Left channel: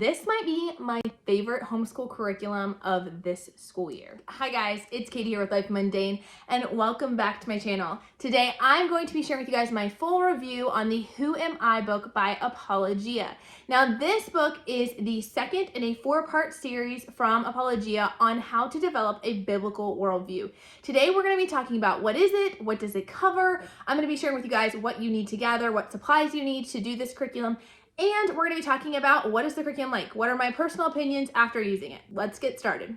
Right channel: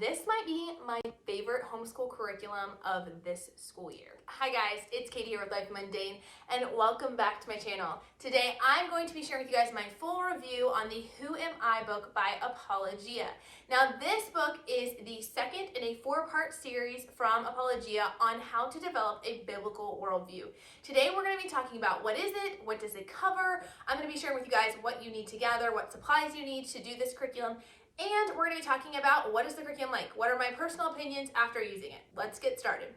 This might be my favorite homeschool curriculum of this school year. Hi guys, it's Katie here with Life Mundane, and welcome back to my channel. Today I'm going to be sharing with you guys my full review on the Who Am I book by Apologia. Now this book is the second in a 4-part series from Apologia on how to develop a biblical worldview. Today we're going to be talking about what is it, what does it cover. I'm going to be sharing with you guys what you need to gather, what supplies you need to do this curriculum, and we're going to be talking about what is the curriculum like? What are my personal opinions after using it? Let's get started.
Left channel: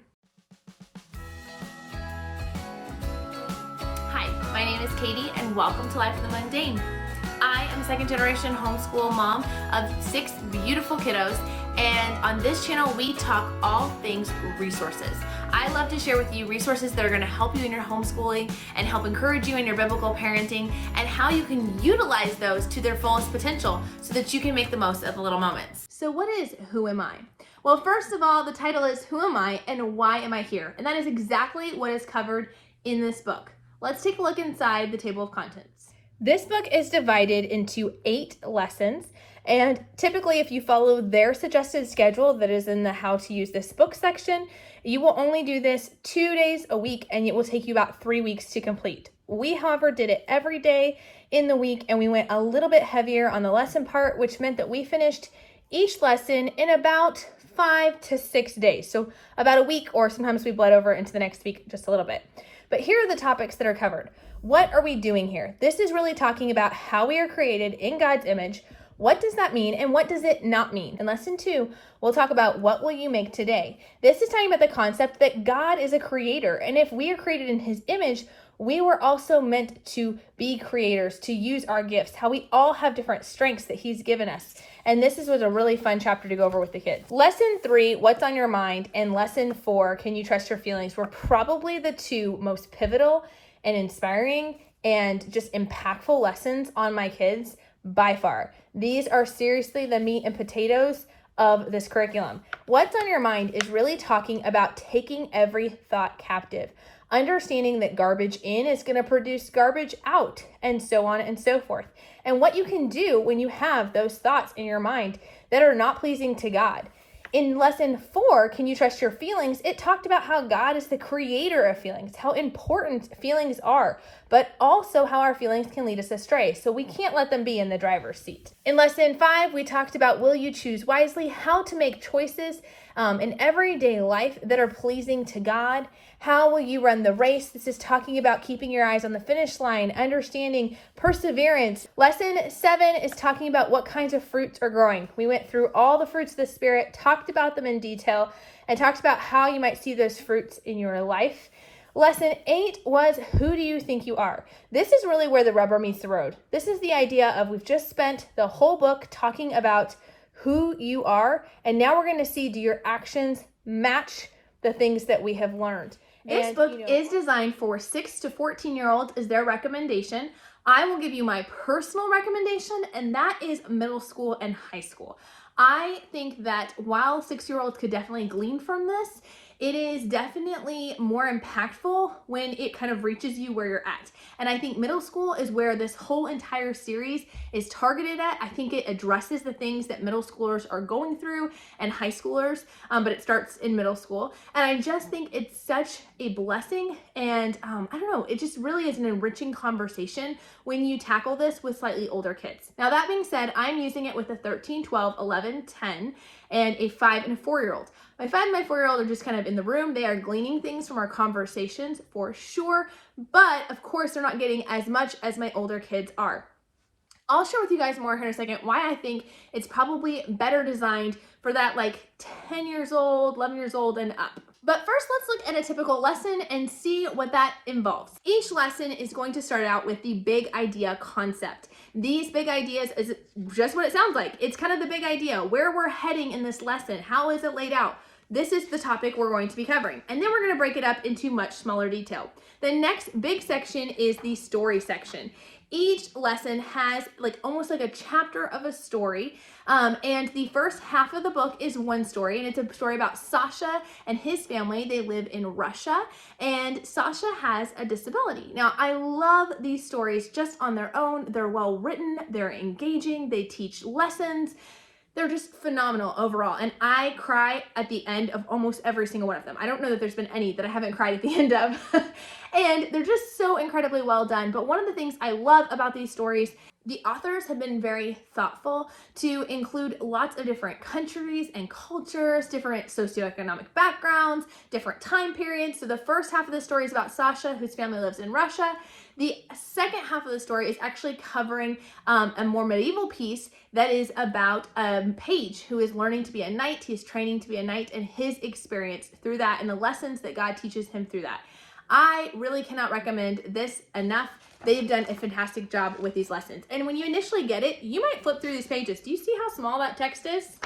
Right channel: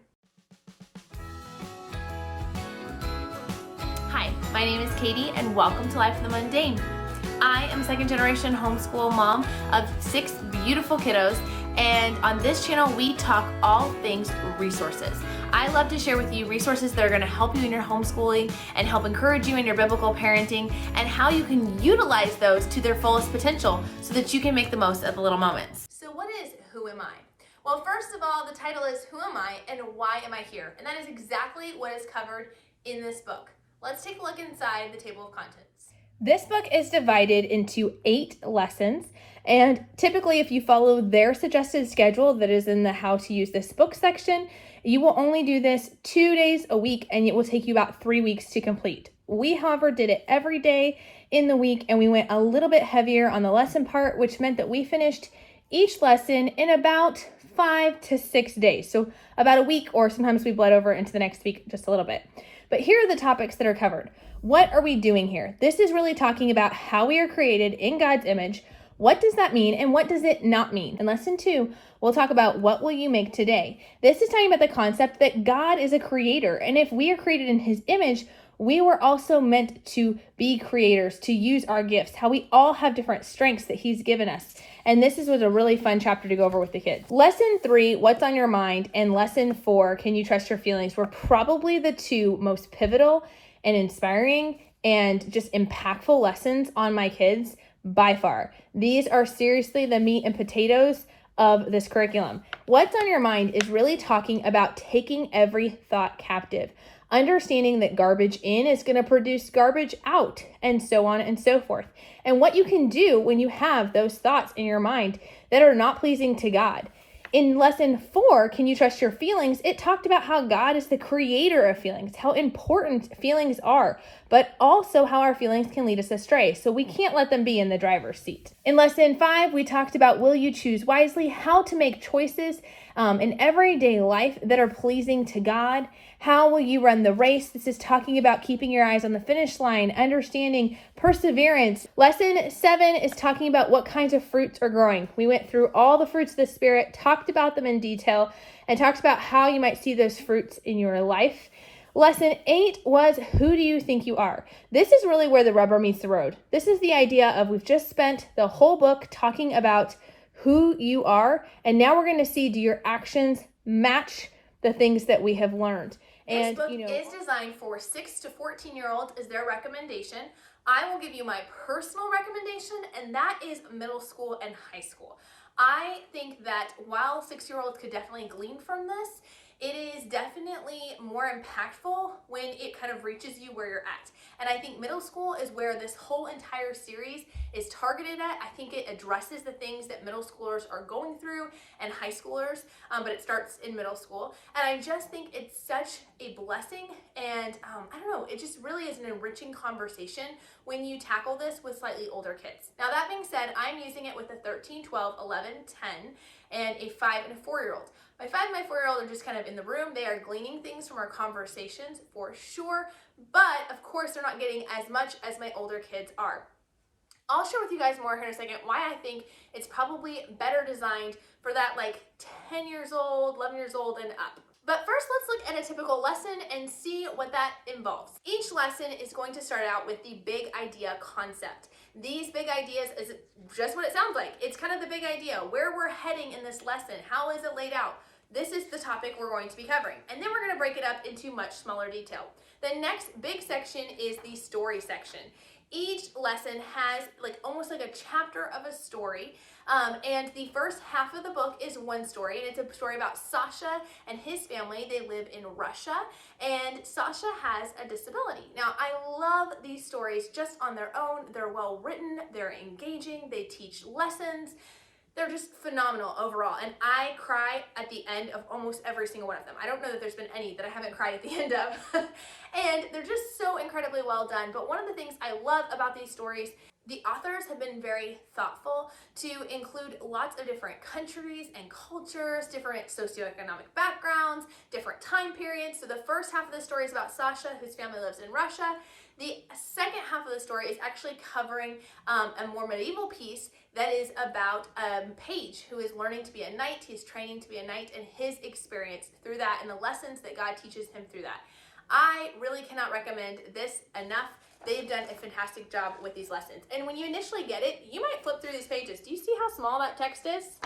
Hi, my name is Katie and welcome to Life in the Mundane. I am a second generation homeschool mom of 6 beautiful kiddos, and on this channel we talk all things resources. I love to share with you resources that are going to help you in your homeschooling and help encourage you in your biblical parenting, and how you can utilize those to their fullest potential so that you can make the most of the little moments. So what is Who Am I? Well, first of all, the title is Who Am I and Why Am I Here? And that is exactly what is covered in this book. Let's take a look inside the table of contents. This book is divided into 8 lessons, and typically if you follow their suggested schedule that is in the how to use this book section, you will only do this 2 days a week, and it will take you about 3 weeks to complete. We, however, did it every day in the week, and we went a little bit heavier on the lesson part, which meant that we finished each lesson in about 5 to 6 days. So about a week, or sometimes we bled over into the next week just a little bit. But here are the topics that are covered. What are we doing here? This is really talking about how we are created in God's image. What does that mean, and what does it not mean? In lesson 2, we'll talk about what will you make today. This is talking about the concept that God is a creator, and if we are created in his image, we were also meant to be creators, to use our gifts, how we all have different strengths that he's given us. And this was a really fun chapter to go over with the kids. Lesson 3, What's on Your Mind, and lesson 4, Can You Trust Your Feelings, were probably the 2 most pivotal and inspiring and just impactful lessons on my kids by far. These are seriously the meat and potatoes of this curriculum. What's on Your Mind is really talking about taking every thought captive, understanding that garbage in is going to produce garbage out, and so on and so forth. And what you can do when you have those thoughts in your mind that are not pleasing to God. In lesson 4, Can You Trust Your Feelings? It talked about how God is the creator of feelings, how important feelings are, but also how our feelings can lead us astray. So we can't let them be in the driver's seat. In lesson 5, we talked about Will You Choose Wisely? How to make choices in everyday life that are pleasing to God. How will you run the race? This is talking about keeping your eyes on the finish line, understanding perseverance. Lesson 7 is talking about what kinds of fruits are growing. We went through all the fruits of the Spirit, talked about them in detail, and talked about how you might see those fruits in your life. Lesson 8 was Who Do You Think You Are? This is really where the rubber meets the road. This is the idea of we've just spent the whole book talking about who you are, and now we're going to see, do your actions match the things that we have learned? This book is designed for 6 to 14-year-olds is their recommendation. I will give you my personal recommendation, and that is middle school and high school. I think that while 6-year-olds could definitely glean from this, it is definitely more impactful when it kind of reaches you where you're at. And I think middle school is where this whole entire series is targeted at. I think it addresses the things that middle schoolers are going through and high schoolers, but it starts in middle school. And I just think it's such a blessing, and I don't know, it just really is an enriching conversation when you tackle this with slightly older kids. Now that being said, I'm using it with a 13, 12, 11, 10, and a 5 and a 4-year-old. My 5 and my 4-year-old are just kind of in the room. They are gleaning things from our conversations for sure, but of course they're not getting as much as my older kids are. I'll share with you guys more here in a second why I think it's probably better designed for that like 10 years old, 11 years old and up. But first, let's look at a typical lesson and see what that involves. Each lesson is going to start out with the big idea concept. These big ideas is just what it sounds like. It's kind of the big idea, where we're heading in this lesson. How is it laid out? This is the topic we're going to be covering. And then we're going to break it up into much smaller detail. The next big section is the story section. Each lesson has almost like a chapter of a story, and the first half of the book is one story, and it's a story about Sasha and his family. They live in Russia, and Sasha has a disability. Now, I love these stories just on their own. They're well written, they're engaging, they teach lessons. They're just phenomenal overall. And I cry at the end of almost every single one of them. I don't know that there's been any that I haven't cried at the end of. And they're just so incredibly well done. But one of the things I love about these stories, the authors have been very thoughtful to include lots of different countries and cultures, different socioeconomic backgrounds, different time periods. So the first half of the story is about Sasha, whose family lives in Russia. The second half of the story is actually covering a more medieval piece that is about a page who is learning to be a knight. He's training to be a knight and his experience through that and the lessons that God teaches him through that. I really cannot recommend this enough. They've done a fantastic job with these lessons. And when you initially get it, you might flip through these pages. Do you see how small that text is?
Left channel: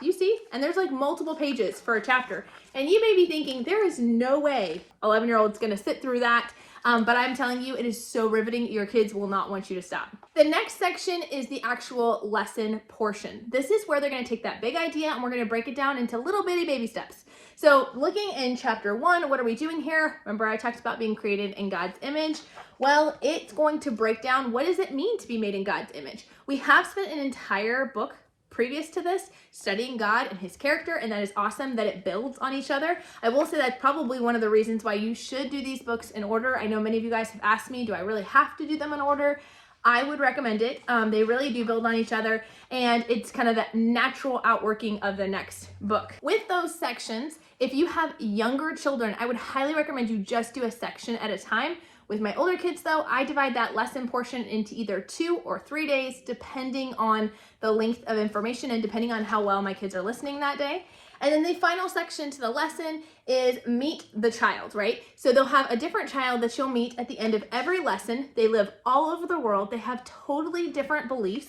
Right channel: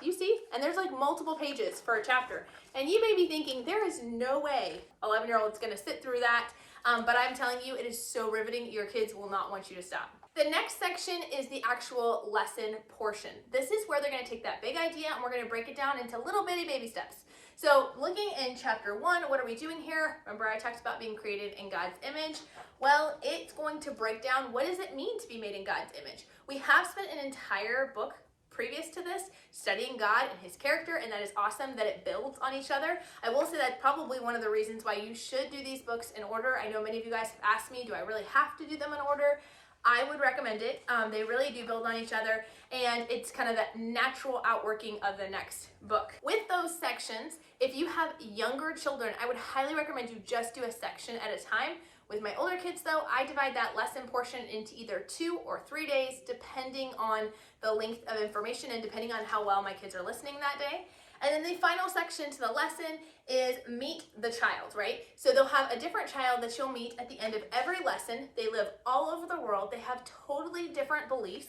Do you see? And there's like multiple pages for a chapter. And you may be thinking, there is no way 11-year-old's gonna sit through that. But I'm telling you, it is so riveting. Your kids will not want you to stop. The next section is the actual lesson portion. This is where they're going to take that big idea and we're going to break it down into little bitty baby steps. So looking in chapter 1, what are we doing here? Remember I talked about being created in God's image. Well, it's going to break down what does it mean to be made in God's image. We have spent an entire book previous to this studying God and his character, and that is awesome that it builds on each other. I will say that's probably one of the reasons why you should do these books in order. I know many of you guys have asked me, do I really have to do them in order? I would recommend it. They really do build on each other, and it's kind of that natural outworking of the next book. With those sections, if you have younger children, I would highly recommend you just do a section at a time. With my older kids though, I divide that lesson portion into either 2 or 3 days, depending on the length of information and depending on how well my kids are listening that day. And then the final section to the lesson is meet the child, right? So they'll have a different child that you'll meet at the end of every lesson. They live all over the world. They have totally different beliefs.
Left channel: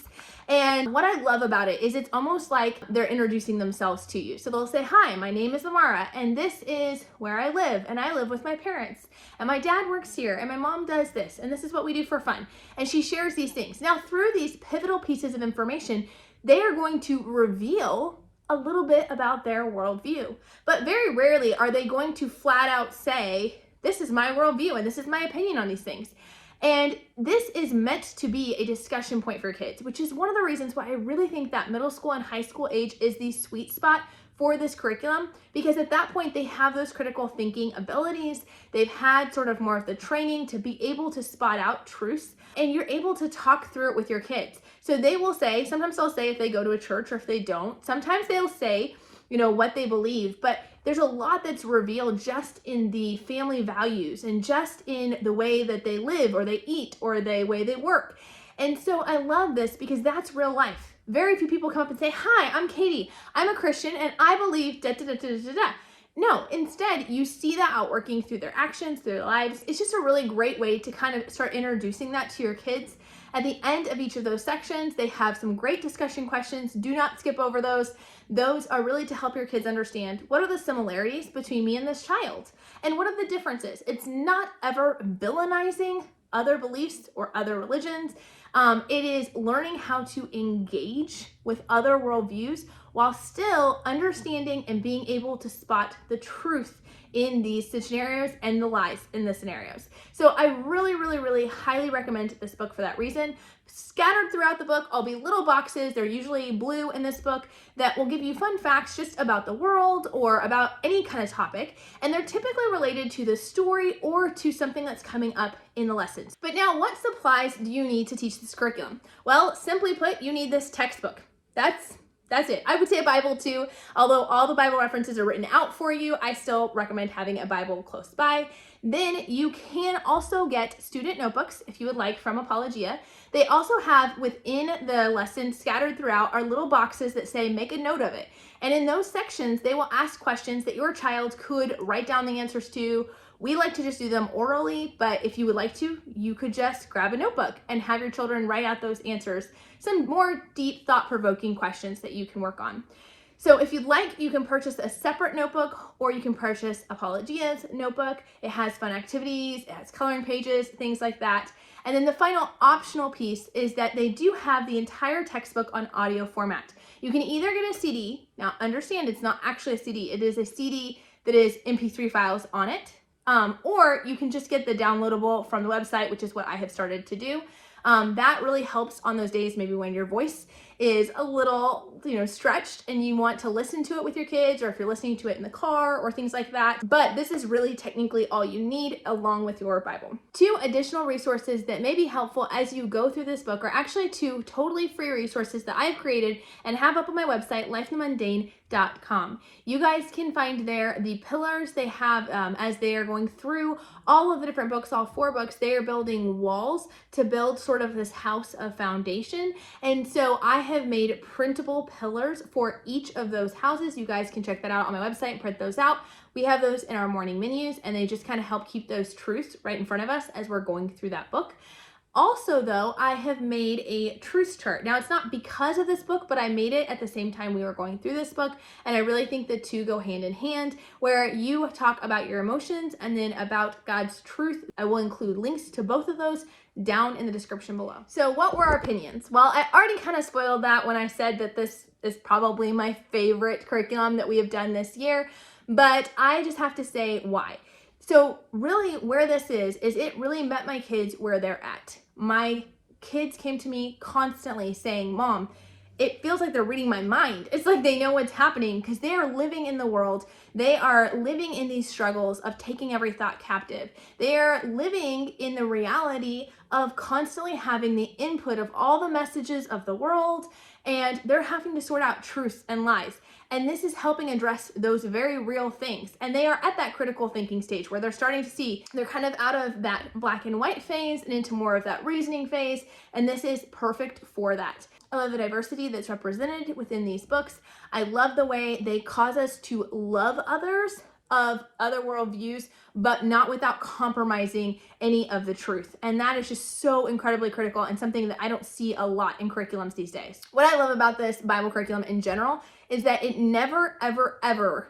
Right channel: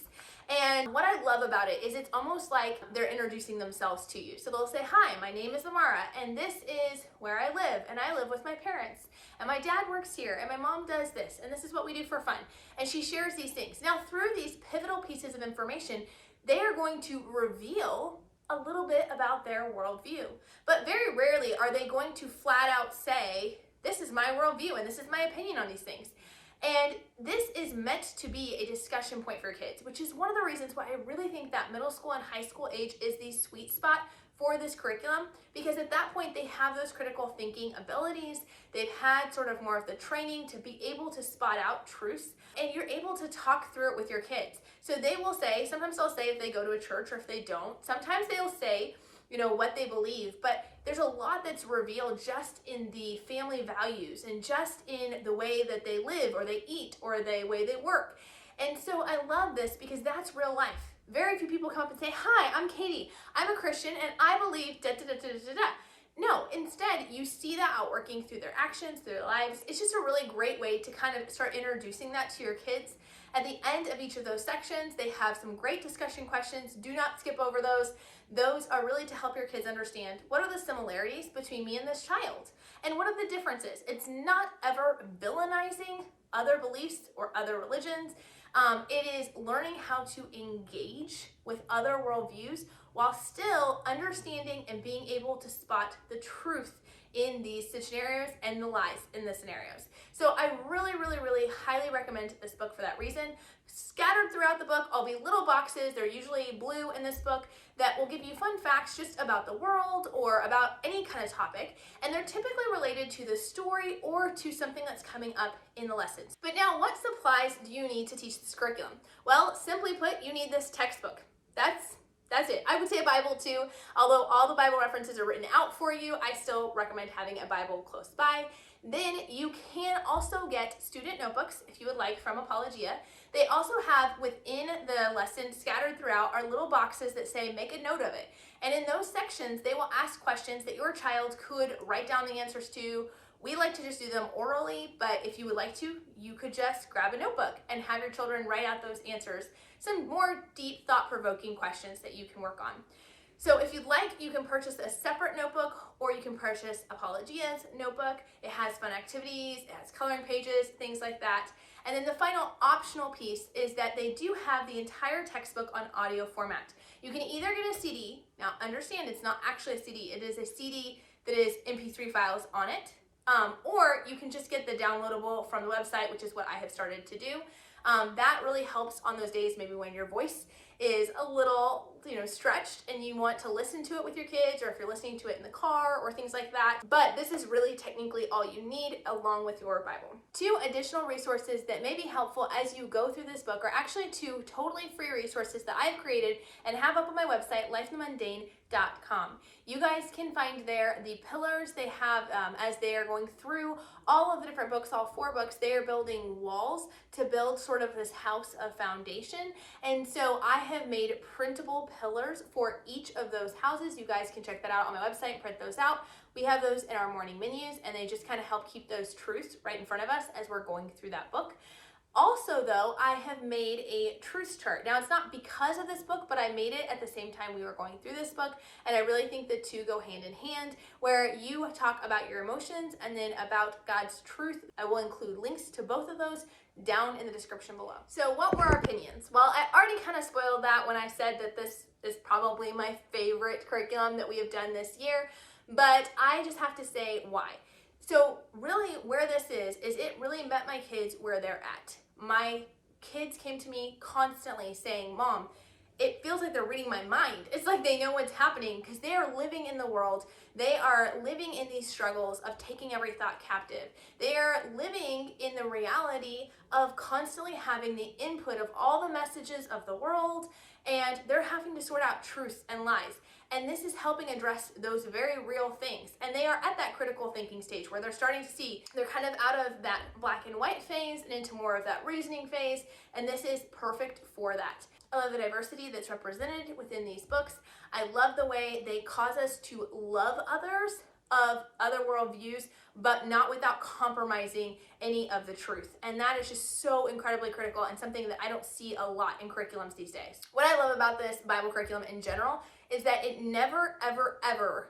And what I love about it is it's almost like they're introducing themselves to you. So they'll say, hi, my name is Amara, and this is where I live, and I live with my parents, and my dad works here, and my mom does this, and this is what we do for fun. And she shares these things. Now, through these pivotal pieces of information, they are going to reveal a little bit about their worldview. But very rarely are they going to flat out say, this is my worldview, and this is my opinion on these things. And this is meant to be a discussion point for kids, which is one of the reasons why I really think that middle school and high school age is the sweet spot for this curriculum, because at that point they have those critical thinking abilities. They've had sort of more of the training to be able to spot out truths, and you're able to talk through it with your kids. So they will say, sometimes they'll say if they go to a church or if they don't, sometimes they'll say, you know, what they believe, but there's a lot that's revealed just in the family values and just in the way that they live or they eat or the way they work. And so I love this because that's real life. Very few people come up and say, hi, I'm Katie. I'm a Christian and I believe da da da da da da. No, instead, you see that outworking through their actions, through their lives. It's just a really great way to kind of start introducing that to your kids. At the end of each of those sections, they have some great discussion questions. Do not skip over those. Those are really to help your kids understand what are the similarities between me and this child and what are the differences. It's not ever villainizing other beliefs or other religions. It is learning how to engage with other worldviews while still understanding and being able to spot the truth in these scenarios and the lies in the scenarios. So I really, really, really highly recommend this book for that reason. Scattered throughout the book, I'll be little boxes. They're usually blue in this book that will give you fun facts just about the world or about any kind of topic. And they're typically related to the story or to something that's coming up in the lessons. But now, what supplies do you need to teach this curriculum? Well, simply put, you need this textbook. That's it. I would say a Bible too. Although all the Bible references are written out for you, I still recommend having a Bible close by. Then you can also get student notebooks if you would like from Apologia. They also have within the lesson scattered throughout are little boxes that say make a note of it. And in those sections, they will ask questions that your child could write down the answers to. We like to just do them orally, but if you would like to, you could just grab a notebook and have your children write out those answers, some more deep thought-provoking questions that you can work on. So if you'd like, you can purchase a separate notebook or you can purchase Apologia's notebook. It has fun activities, it has coloring pages, things like that. And then the final optional piece is that they do have the entire textbook on audio format. You can either get a CD. Now understand it's not actually a CD. It is a CD that is MP3 files on it. Or you can just get the downloadable from the website, which is what I have started to do. That really helps on those days maybe when your voice is a little stretched and you want to listen to it with your kids, or if you're listening to it in the car or things like that. But this is really technically all you need along with your Bible. 2 additional resources that may be helpful as you go through this book are actually 2 totally free resources that I've created and have up on my website, lifeinthemundane.com. You guys can find there the pillars they have as they are going through all of the different books, all 4 books. They are building walls to build sort of this house of foundation. And so I have made printable pillars for each of those houses. You guys can check that out on my website and print those out. We have those in our morning menus, and they just kind of help keep those truths right in front of us as we're going through that book. Also, though, I have made a truth chart. Now, it's not because of this book, but I made it at the same time we were going through this book, and I really think the 2 go hand in hand, where you talk about your emotions and then about God's truth. I will include links to both of those down in the description below. So what were our opinions? Well, I already kind of spoiled that when I said that this is probably my favorite curriculum that we have done this year, but I just have to say why. So really where this is it really met my kids where they're at. My kids came to me constantly saying, Mom, it feels like they're reading my mind. It's like they know what's happening because they are living in the world. They are living in these struggles of taking every thought captive. They are living in the reality of constantly having the input of all the messages of the world, and they're having to sort out truths and lies. And this is helping address those very real things. And they are at that critical thinking stage where they're starting to see they're kind of out of that black and white phase and into more of that reasoning phase. And this is perfect for that. I love the diversity that's represented within these books. I love the way they cause us to love others of other worldviews, but not without compromising any of the truth. And that is just so incredibly critical and something that I don't see a lot in curriculums these days. What I love about this Bible curriculum in general is that it never, ever, ever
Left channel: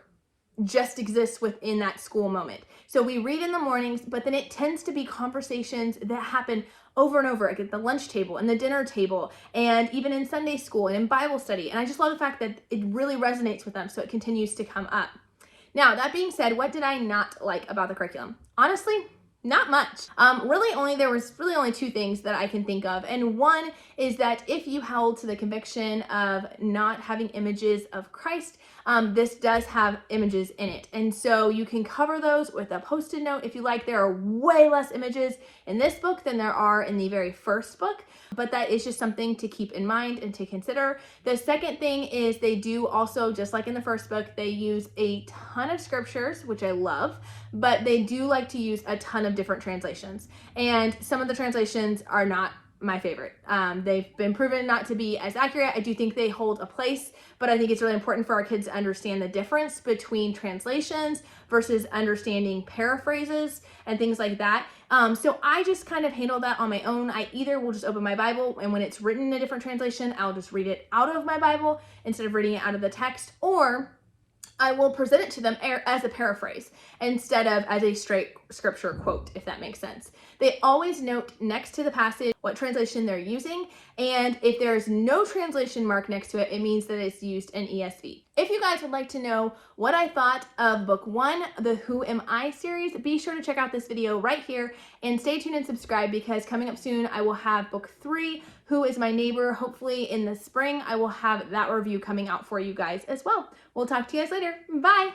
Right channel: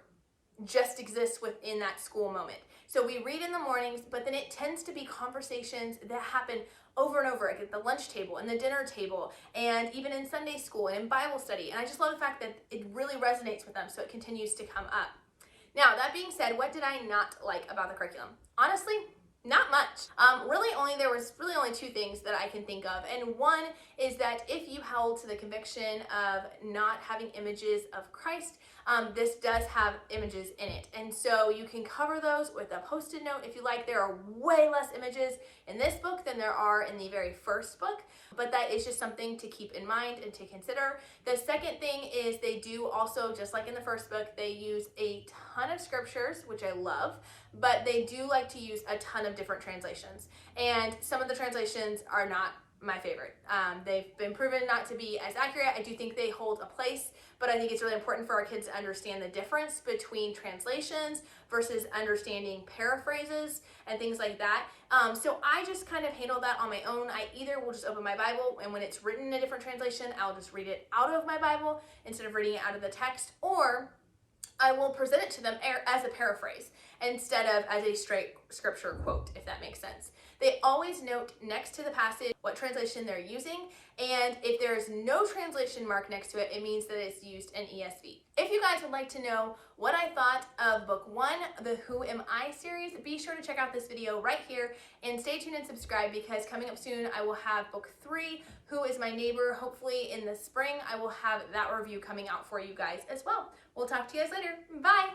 just exists within that school moment. So we read in the mornings, but then it tends to be conversations that happen over and over, like at the lunch table and the dinner table, and even in Sunday school and in Bible study. And I just love the fact that it really resonates with them, so it continues to come up. Now, that being said, what did I not like about the curriculum? Honestly, not much. There was really only 2 things that I can think of. And one is that if you held to the conviction of not having images of Christ, this does have images in it. And so you can cover those with a Post-it note if you like. There are way less images in this book than there are in the very first book, but that is just something to keep in mind and to consider. The second thing is they do also, just like in the first book, they use a ton of scriptures, which I love, but they do like to use a ton of different translations. And some of the translations are not my favorite. They've been proven not to be as accurate. I do think they hold a place, but I think it's really important for our kids to understand the difference between translations versus understanding paraphrases and things like that. So I just kind of handle that on my own. I either will just open my Bible, and when it's written in a different translation, I'll just read it out of my Bible instead of reading it out of the text, or I will present it to them as a paraphrase instead of as a straight scripture quote, if that makes sense. They always note next to the passage what translation they're using, and if there's no translation mark next to it, it means that it's used in ESV. If you guys would like to know what I thought of book 1, the Who Am I series, be sure to check out this video right here and stay tuned and subscribe, because coming up soon I will have book 3, Who is My Neighbor. Hopefully in the spring I will have that review coming out for you guys as well. We'll talk to you guys later. Bye!